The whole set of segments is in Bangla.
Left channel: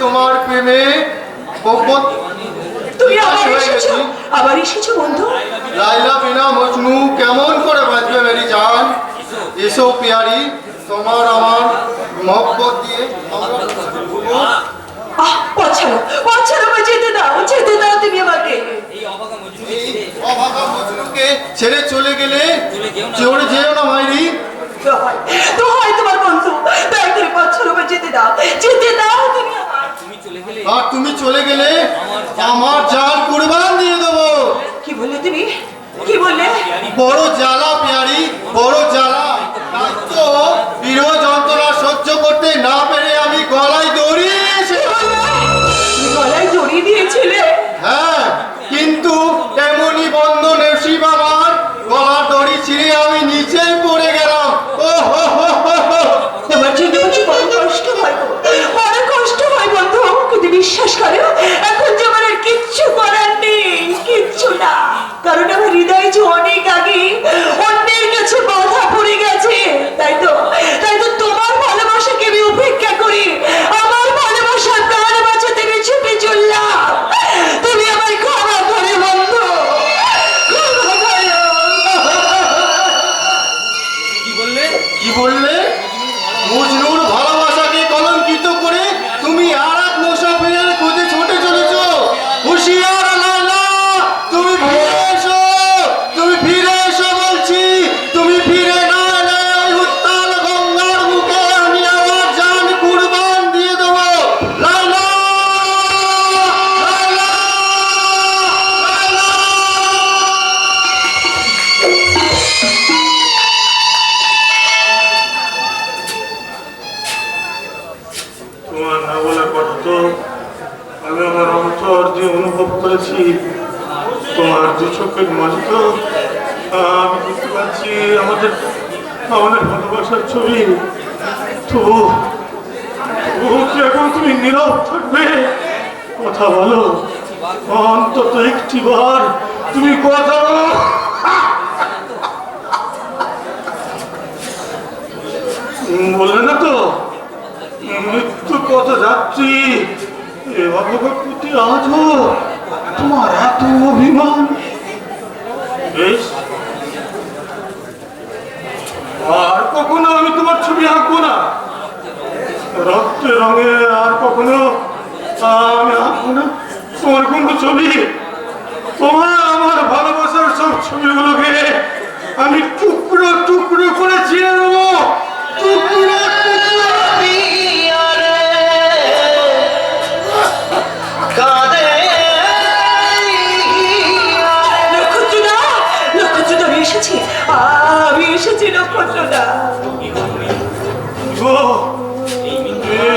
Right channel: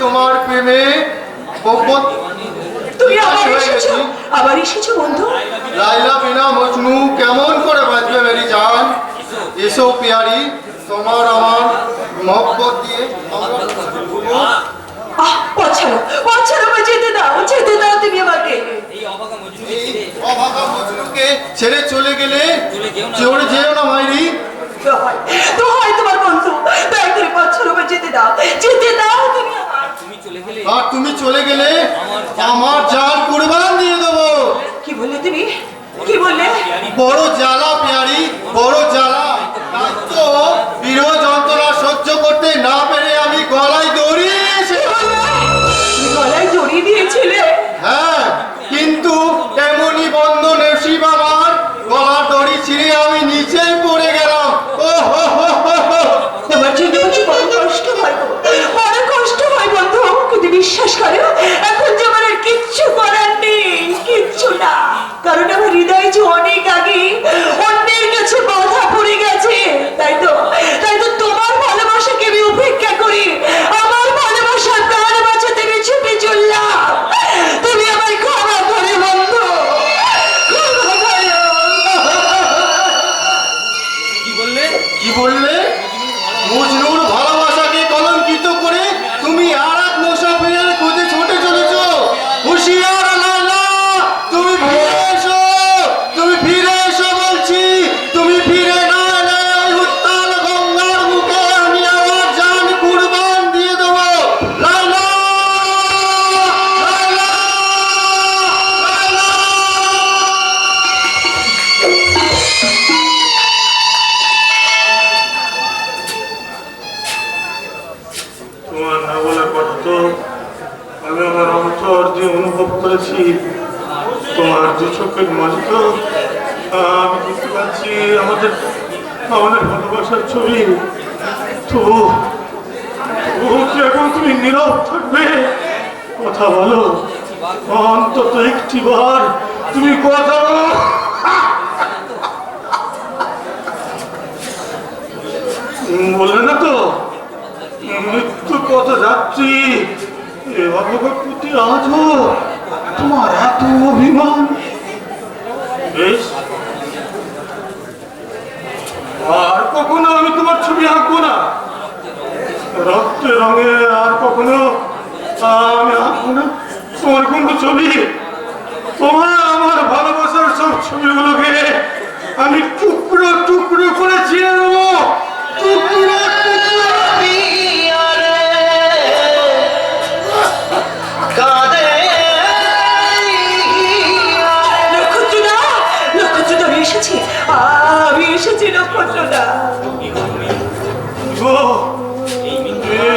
তোমার প্রেমে তুমি আবার এসেছ? আবার এসেছ বন্ধু? লাইলা বিনা মজনু কেমন করে বাঁচবে মেরি জান? এসো পিয়ারি তোমার আমার মহব্বত দিয়ে। আহ পছাড়ো পছাড়ো আমায় যেতে দাও যেতে দাও তুমি আমাকে। অভাগা মজনুকে ছেড়ে চলে গেলে যেও না মাইরি। তো হয় তোমার বন্ধু। করে যেতে দাও যেতে দাও তুমি আর তুমি চলে গেলে আমার জাল কুরবান দিয়ে দেবো। কি বললে তুমি? কি বললে? বড় জ্বালা পেয়ারি বড় জ্বালা। তো বিরোধ যন্ত্রণা সহ্য করতে না আমাদের ছবি। তো, ও তুমি নীরব থাকবে কথা বলো, অন্তত একটি বার তুমি কথা বলো। বললে না তো, মৃত্যু পথ যাচ্ছি এ প্রতি আজও তোমার এত অভিমান? বেশ। আর কখনো আমি তোমার ছবি আঁকবো না। রক্তের রঙে আর কখনো আমি আঁকবো না। তোমার কোনো ছবি। তোমার আমার ভালোবাসার সব ছবিগুলোকে আমি টুকরো টুকরো করে ছিঁড়ে নেব। টুকরো টুকরো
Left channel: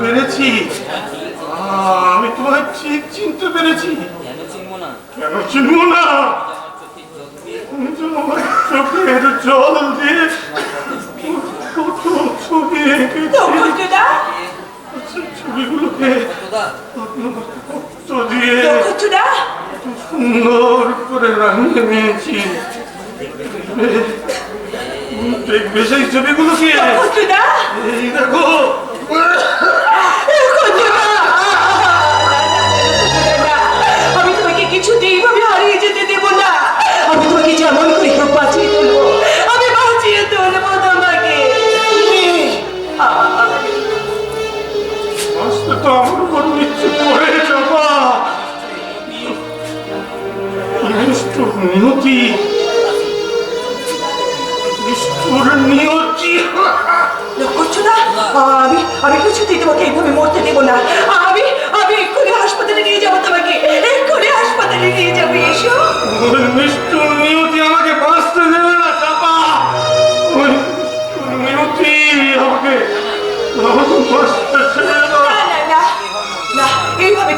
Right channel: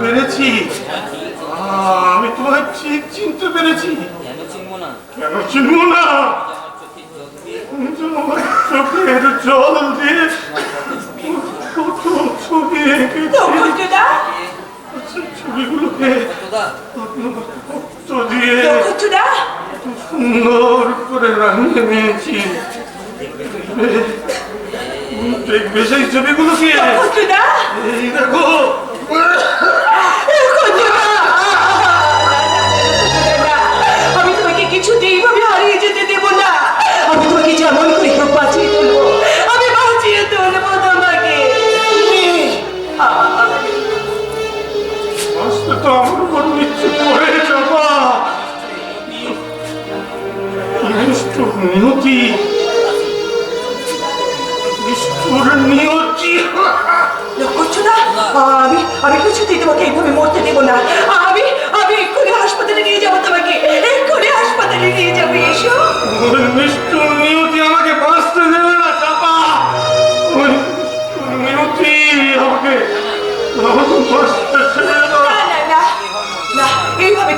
পেরেছি। আমি তোমায় ঠিক চিনতে পেরেছি। কেন চিনবো না? চোখের জল দিয়ে কত ছবি সেই ছবিগুলোকে দিয়ে সুন্দর করে রাঙিয়ে নিয়েছি। দেখবে- সেই ছবিগুলোকে। নক্ষত্রদা এই দেখো মিনতি। নিষ্ঠুর মিনতি করছ না? আমি আমি কিছুতেই তোমাকে এইভাবে মরতে দেবো না। আমি আমি এক্ষুনি হাসপাতালে নিয়ে যাব তোমাকে। এক্ষুনি হাসপাতালে নিয়ে যাব এসো। নিষ্ঠুর মিনতি আমাকে বাঁচতে দেবে না চাপা। মিনতি আমাকে আমাকে বাঁচতে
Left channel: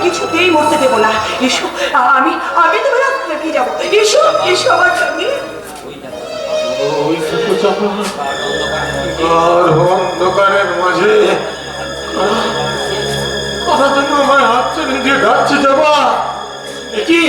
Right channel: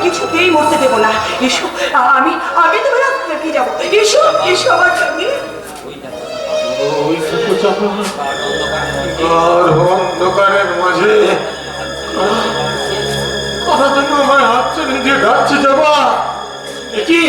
কিছুতেই মরতে দেবো না। এসো আমি আমি তোমার আপনাকে যাব। এসো এসো আমার সঙ্গে। অন্ধকারের মাঝে আমার জন্য আমার হাত নিজে ঘাটছে যাবা কি?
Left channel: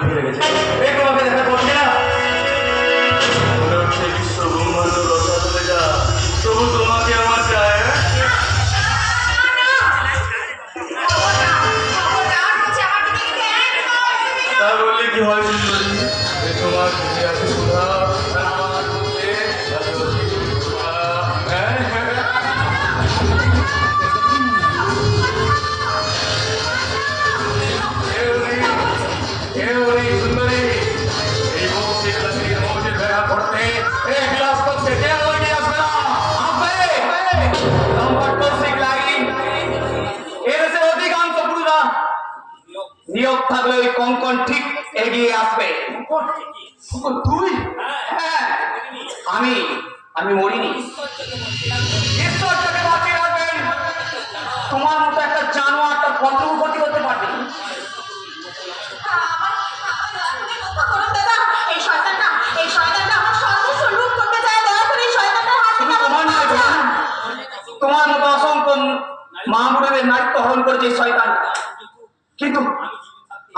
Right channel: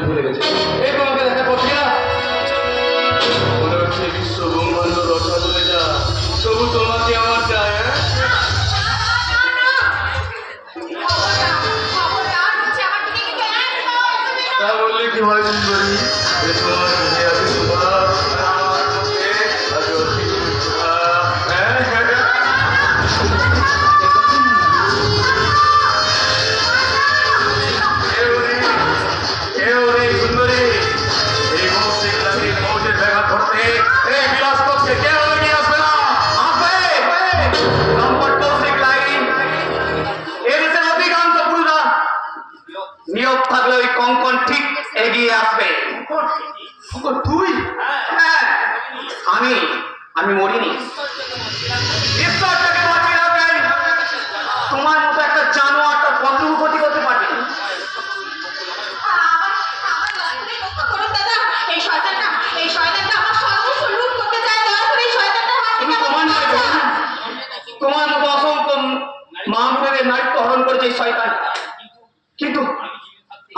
ভুলে গেছে। তোমার মতো অসংখ্য মা বোনেদের নাট্য হরণ করেছে শয়তান। কিন্তু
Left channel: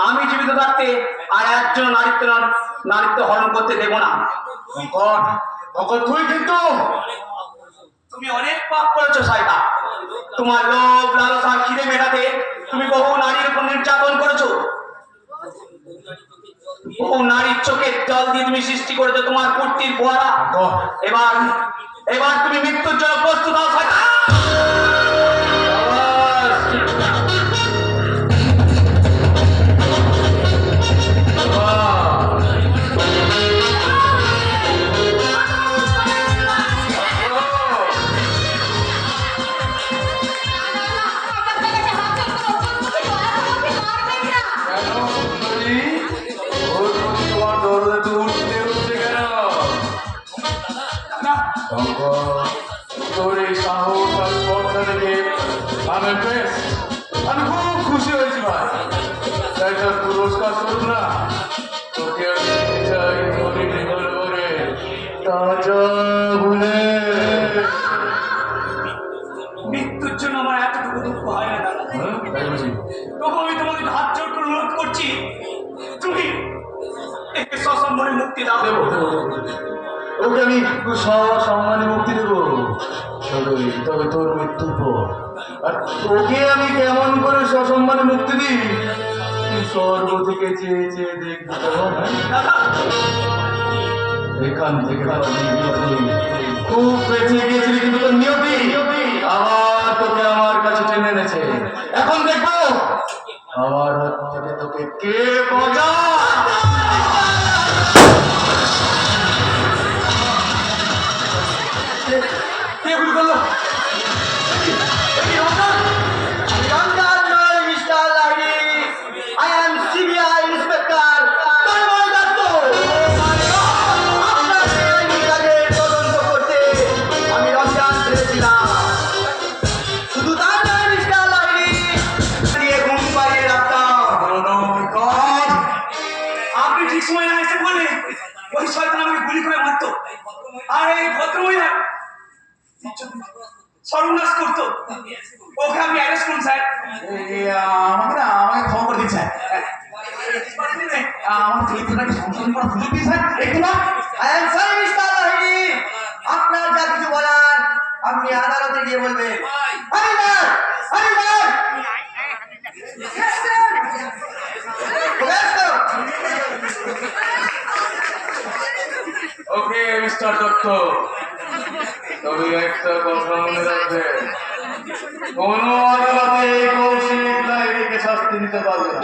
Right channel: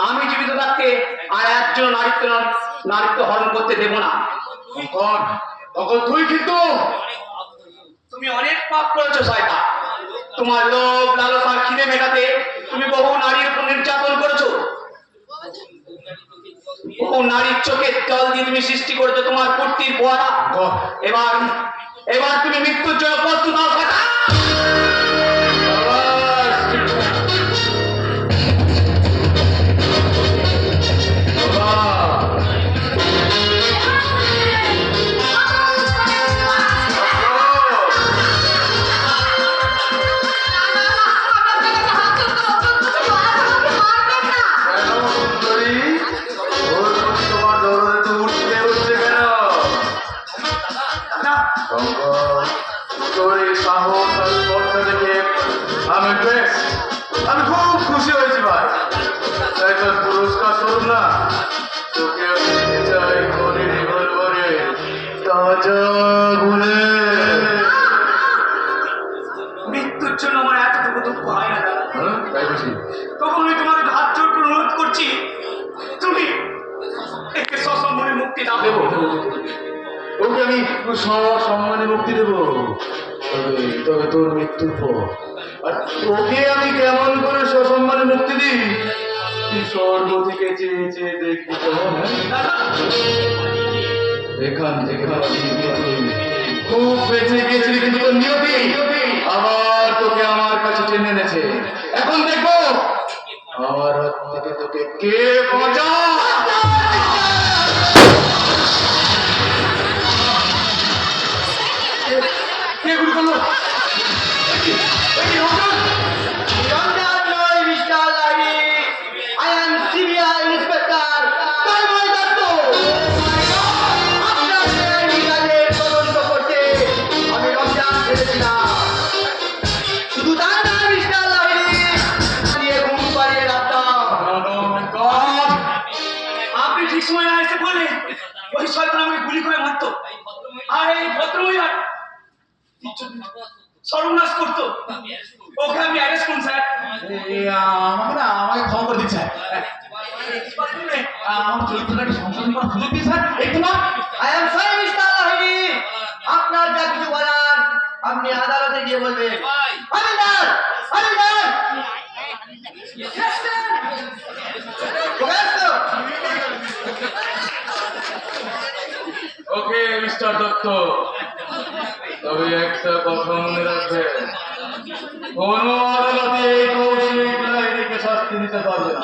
আমি জীবিত থাকতে আর একজন নারীত্ব নারীত্ব হরণ করতে দেব না। তুই কিন্তু। তুমি অনেক পাপ করেছ শয়তান। তোমার লোভ লালসা খিদে মেটাতে তুমি বহু নারীর উপর নির্যাতন করেছ। বহু নারীর চোখের জল দিয়ে তুমি সৃষ্টি করেছ তোমার কুর্তির ফোয়ারা এবার এবার তুমি মৃত্যুর জন্য প্রস্তুত ওকে আমি কেমন করে সসম্মানে মুক্তি দিই? স্বর্গ থেকে চেয়ে চেয়ে দেখবি এখান থেকে খুব বেঁচে গিয়েছিলি কিন্তু তোর নিয়তি? আবার তোকে আমার কাছে টেনে এনেছে। এখন দেখব। আমার হাত থেকে তোকে কে বজা মহিলা সর্বনাশ আপনার যা কিছু বলার আপনি আদালতে গিয়ে বলবেন। ওকে মিস্টার দত্ত সামনে রাখবেন কোন আদালতে এই কৌশিক না শাস্তি দিতে পারবে না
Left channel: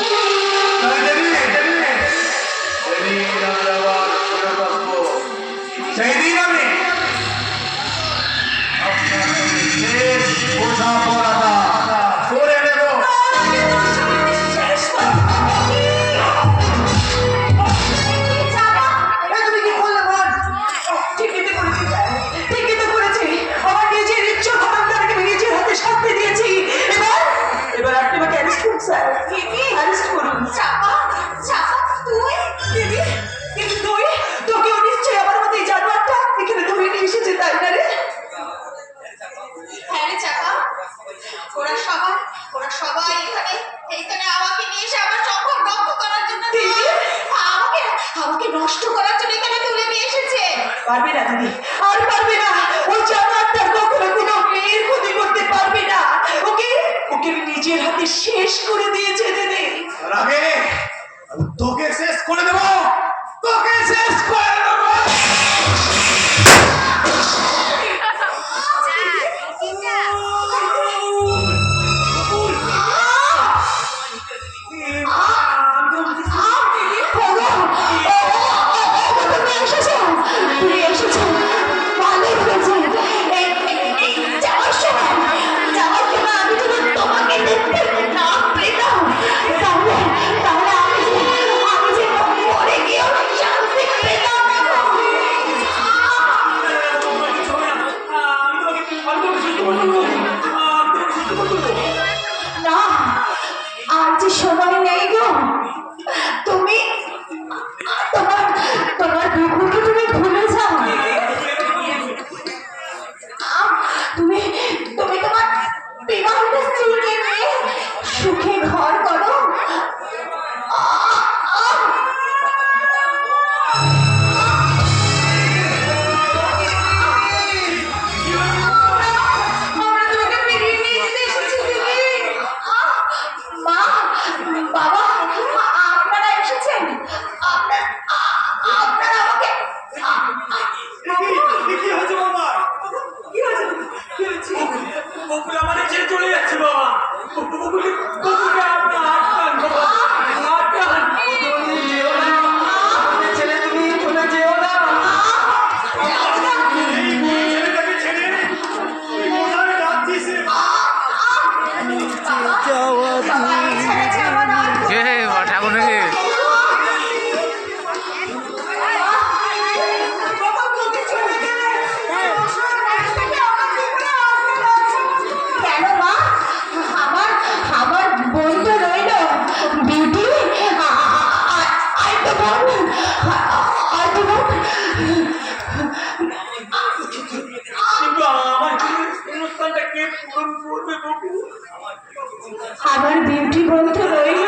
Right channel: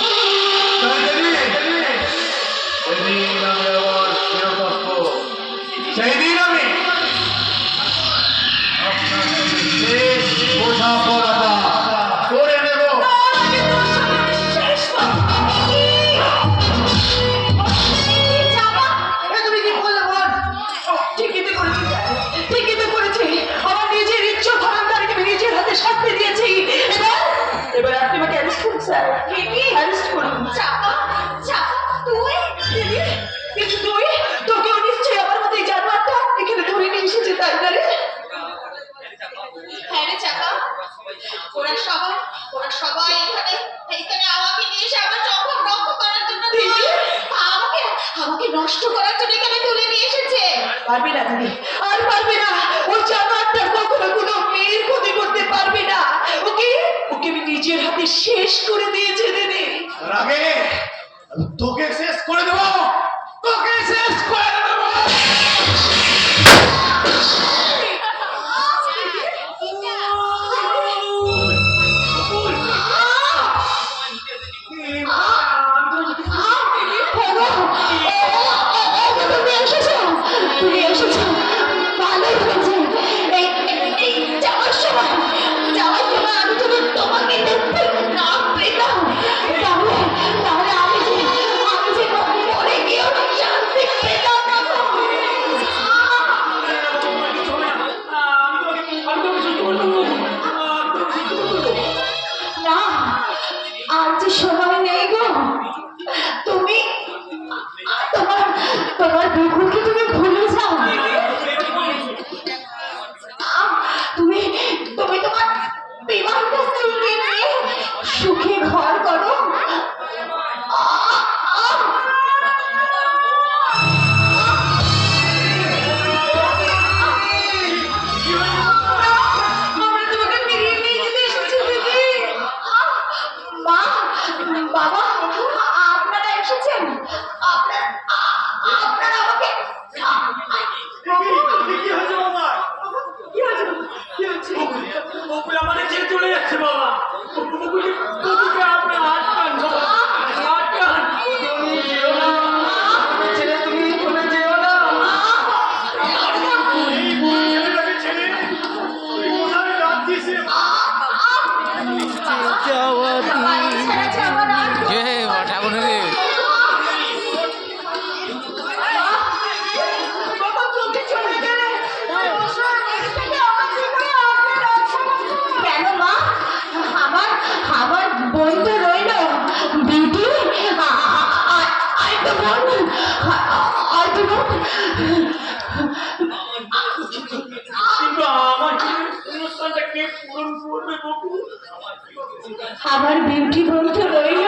আবার বিউটি বলতে রইল।